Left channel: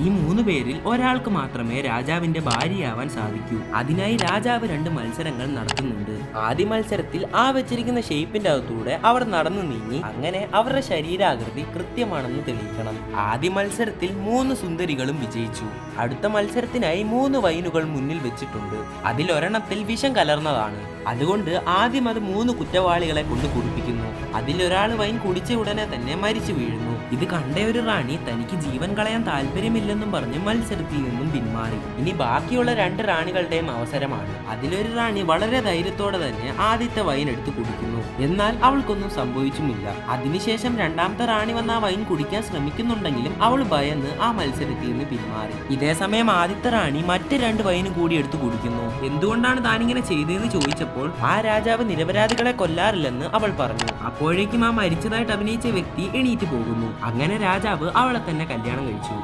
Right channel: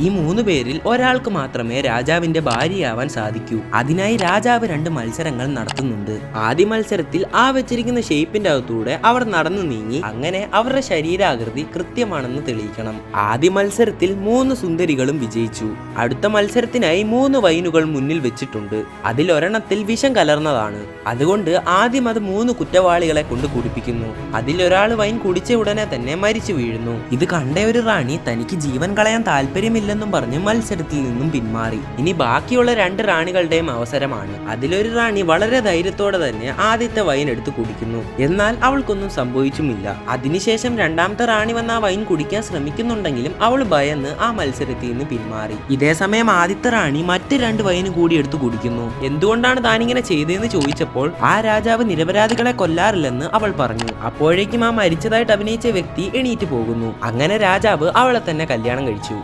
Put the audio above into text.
ഈ 3 പേരിൽ ഒരാൾക്ക് മാത്രമേ രാജാവിന്റെ ഭാര്യയാവാൻ സാധിക്കൂ. അതിനായി രാജാവ് 2 മത്സരങ്ങൾ നടത്തുന്നുണ്ട്. ആദ്യ മത്സരത്തിൽ ആ വെച്ചിരിക്കുന്ന ഷേപ്പിന്റെ അകത്തൂടെ അവർ നടന്നു നീങ്ങി അങ്ങനെ അവരുടെ ശരീരാകൃതി കൃത്യമാണെന്ന് തെളിയിക്കണം. ആദ്യ മത്സരത്തിൽ 3 സുന്ദരികളും വിജയിച്ചു. അടുത്ത മത്സരത്തിനായി 3 വൈനുകൾ മുന്നിൽ വെച്ചിട്ടുണ്ട്. അതിലൊരെണ്ണത്തിൽ വിഷം കലർന്നതാണ്. അതുകൊണ്ട് ആദ്യം അത് 3 കുറ്റവാളികളെ കൊണ്ട് കുടിപ്പിക്കുന്നു. അതിലൊരാൾ വൈൻ കുടിച്ച ഉടനെ തന്നെ മരിച്ചു വീഴുന്നു. ഇത് കണ്ട ഒരു റാണി തനിക്ക് ജീവൻ കളയാൻ താല്പര്യമില്ലെന്നും പറഞ്ഞ് മത്സരത്തിൽ നിന്നും പിന്മാറി. ഇനി ബാക്കിയുള്ള 2 റാണികളുടെയും അവസരമാണ്. അതിലൊരു റാണി വളരെ ധൈര്യത്തോടെ തന്നെ ആദ്യത്തെ വൈൻ എടുത്ത് കുടിക്കുന്നു. എന്നാൽ അവൾക്കൊന്നും സംഭവിച്ചുമില്ല. അതിനുശേഷം രണ്ടാമത്തെ റാണി വന്ന് ആ വൈൻ കുടിക്കാൻ ശ്രമിക്കുന്നുണ്ടെങ്കിലും അവൾ ഭയന്ന് ആ മത്സരത്തിൽ നിന്ന് പിന്മാറി. ഇതേ സമയം ആദ്യത്തെ റാണി മറ്റ് 2 വൈന് കൂടി എടുത്ത് കുടിക്കുന്നു. എന്തുകൊണ്ടാണ് താനിങ്ങനെ ചെയ്തതെന്ന് ചോദിച്ചപ്പോൾ ആ രാജാവ് നിരപരാധികളെ കൊല്ലാറില്ലെന്ന് അവൾ പറഞ്ഞു. അപ്പോഴേക്കും ആ മരിച്ചതായിട്ട് അഭിനയിച്ച വ്യക്തി എണീറ്റ് പോകുന്നു. അങ്ങനെ രാജാവ് അവളെ തന്നെ കല്യാണം കഴിച്ചു.